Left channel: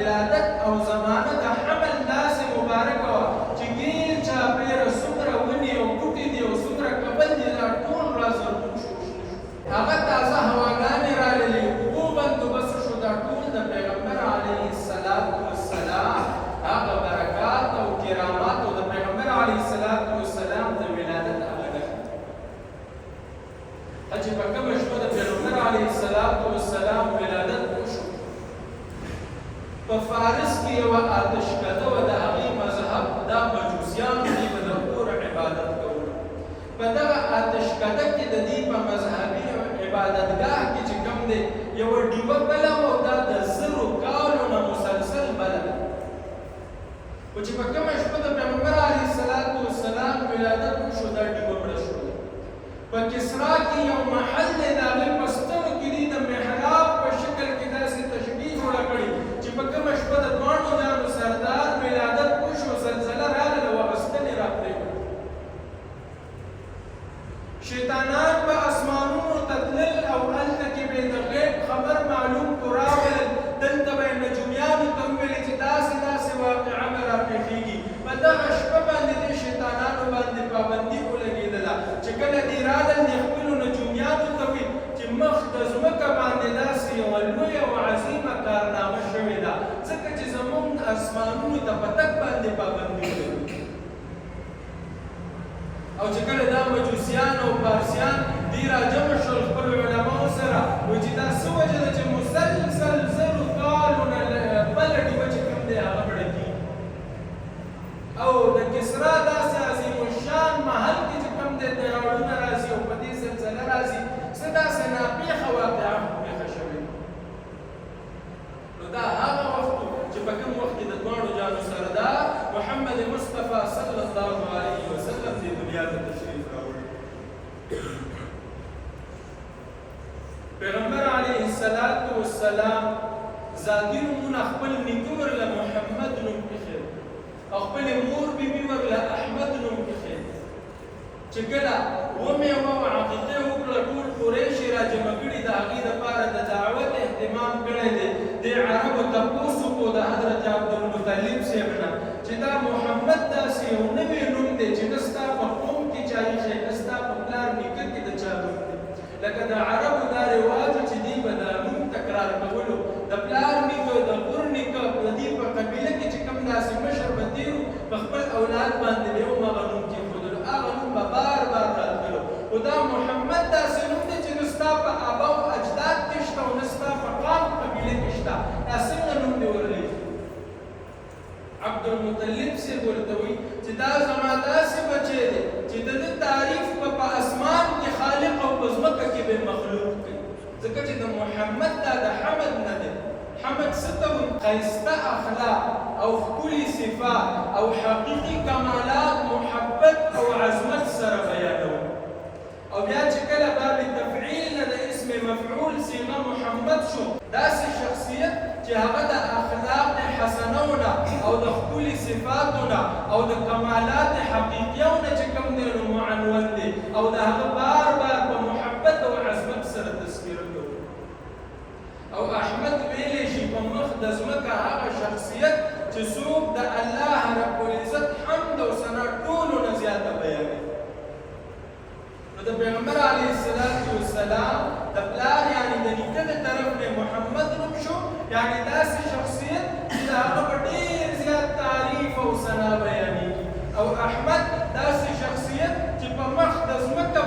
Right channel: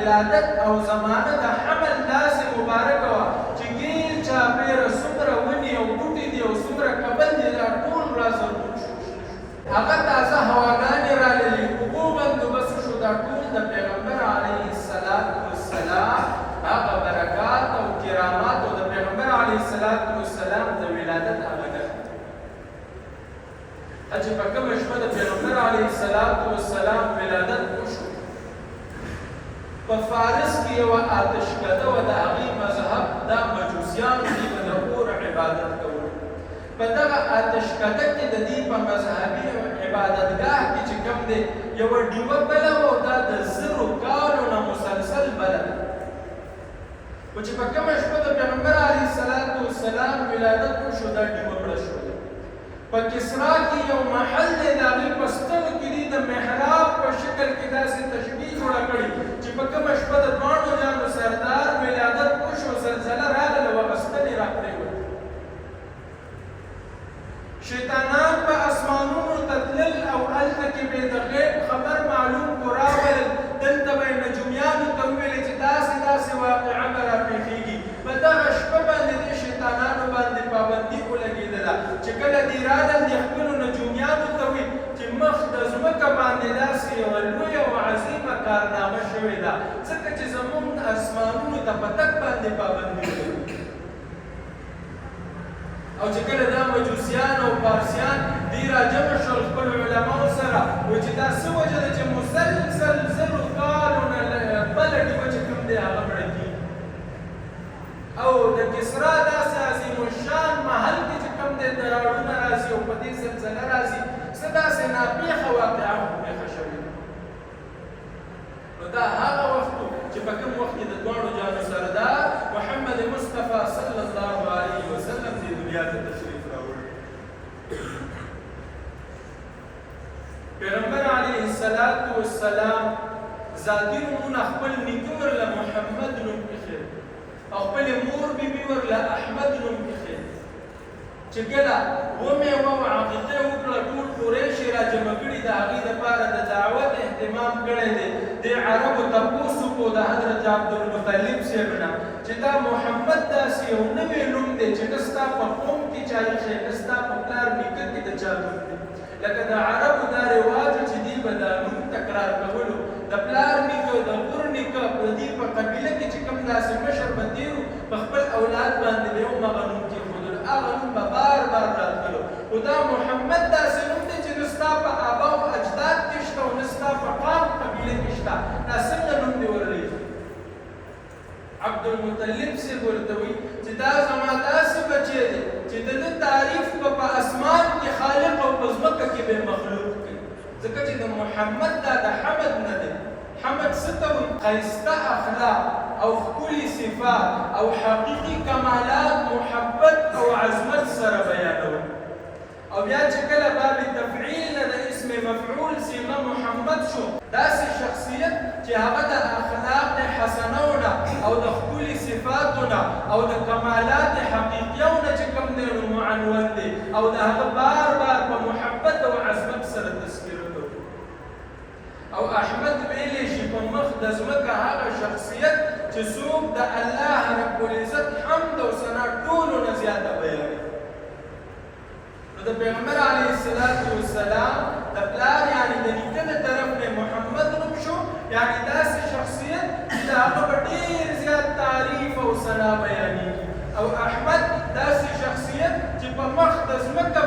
ولادت او زمانه د حمل داسې مبارکه وه چې ګیر چاپېره څومره ونې او بوټي دي او څومره کبل دي دا ټول رازرغون شو. هغه تازه هواګانې راللې، اوبو بندوبست شو، دا ټول د پیغمبر علیه السلام هغه برکات او کرامات او د پیغمبر علیه السلام د ولادت هغه نښه چې په کومه شپه د پیغمبر علیه السلام ولادت وشو. په فارس کې یوه آتشکده وه، د هغې مذهب دا مجوسیانو دي به د اور عبادت کول. په دغه آتشکده کې د دې په مذهبي عبادتګاه کې چې کوم دی یوه ډیوه بله وه او دا د 1000 کالو نه مسلسل بله ده. خو چې په کومه شپه د پیغمبر علیه السلام ولادت وشو دا ډیوه مړه شوله. په کسرا کې یو محل دی، د هغې په ستنو کې دي د محراب په شکل کې داسې تشبیه جوړه کړې چې په کومه شپه د دواړو جانو سردار ولادت وشو، زلزله راغله او هغه ستنې راپرېوتې. شیطانان په اسمانونو ته تلل او هلته کې به د غیب خبر معلوم کو راولل. دلته به یې نجومیانو ته وویلې چې داسې واقعه به راپېښېږي. په دغه شپه باندې دې شیطانانو باندې پابندي ولګېدله چې کله دې رالل دې خپلو نجومیانو ته وي چې مخ د ځمکه باندې داسې یوه لویه او عظیمه کارنامه شوې ده، ځکه چې زموږ اسمانونو ته په تګ باندې پابندي ولګېږي. او چې کله دا مجوسیان او پارسیان دې راجمع شول خپلو علماو سره، وایي چې دا څه وجه ده چې مسلسل 1000 کالو نه بله ډیوه چې کوم دی هغه مړه کېږي. او د کسرا داسې عظیم الشان محل کې چې کوم دی دراړونه راځي او په دې زلزله راځي، څه داسې ناپېښه واقعه پېښه شوې ده. نو دا هغه وخت چې په کوم وخت کې د دواړو جانو سردار محمد مصطفی صلی الله علیه وسلم دې دنیا ته تشریف راوړی. پیغمبر علیه السلام ذاتي نومونه خپل نیکه ورله محمد نوم ایښی او خپلې مور بیبي ورله احمد نوم ایښی. چې کله ومېوه او عقیقې وکړه ټول قریش یې راجمع کړي، د هغې دپاره د دعوت اهتمام کړی دی. دې عربو تپوس وکړو د حضرت عبدالمطلب صاحب نه چې دا محمد داسې یو نوی نوم دی چې نه ستا په قوم کې چا ایښی، نه ستا په پلار نیکه کې د چا نوم دی. لکه د عربو دا رواج چې دوی به دا نوم تکرار کولو، د پلار نیکه د غور نیکه د دې په قبیله کې چې کوم داسې مشر به تېر و په خپل اولاد باندې به یې همغه نوم کېښودلو، هغه نوم به بار راتللو. خو دا محمد داسې نوم دی چې نه ستا په آبا او اجداد کې شته او نه ستا په قام قبیله کې شته، دا څنګه نوم دې ورلی؟ عبدالمطلب صاحب ورته وایي چې دا زما داسې بچی دی چې د ده تعریف به په اسمان کې خالق او په ځمکه کې به مخلوق کوي، ځکه چې د محمد دا د حمد نه دی. حمد څه ته وایي؟ ښایسته اخلاق او ښکلي صفات او حقیقي کمالات محبت او عظمت سره بیانول. او بیا چې کله باب تفعیل نه د اسم مفعول صیغه محمد شو، داسې شخصیت چې هغه د اخلاق حسنو نه او د ښکلي صفاتو نه او د کمالات حقیقیو نه چې کوم دی نو معنون دی او د هغه بار په محبت او عظمت سره تذکره کوو. او احمد ویلی شي په مخ د ځمکه هغه شخصیت چې څوک د الله رب العزت حمد او ثنا ټولو نه زیاته بیانوي. نو د پیغمبر علیه السلام د پلار یعنې د نیکه د طرف نه محمد نوم شو، یعنې داسې شخصیت چې د هغه په ډېر زیات تعریف او ثنا بیانېږي. او احمد داسې شخصیت چې په مخ د ځمکه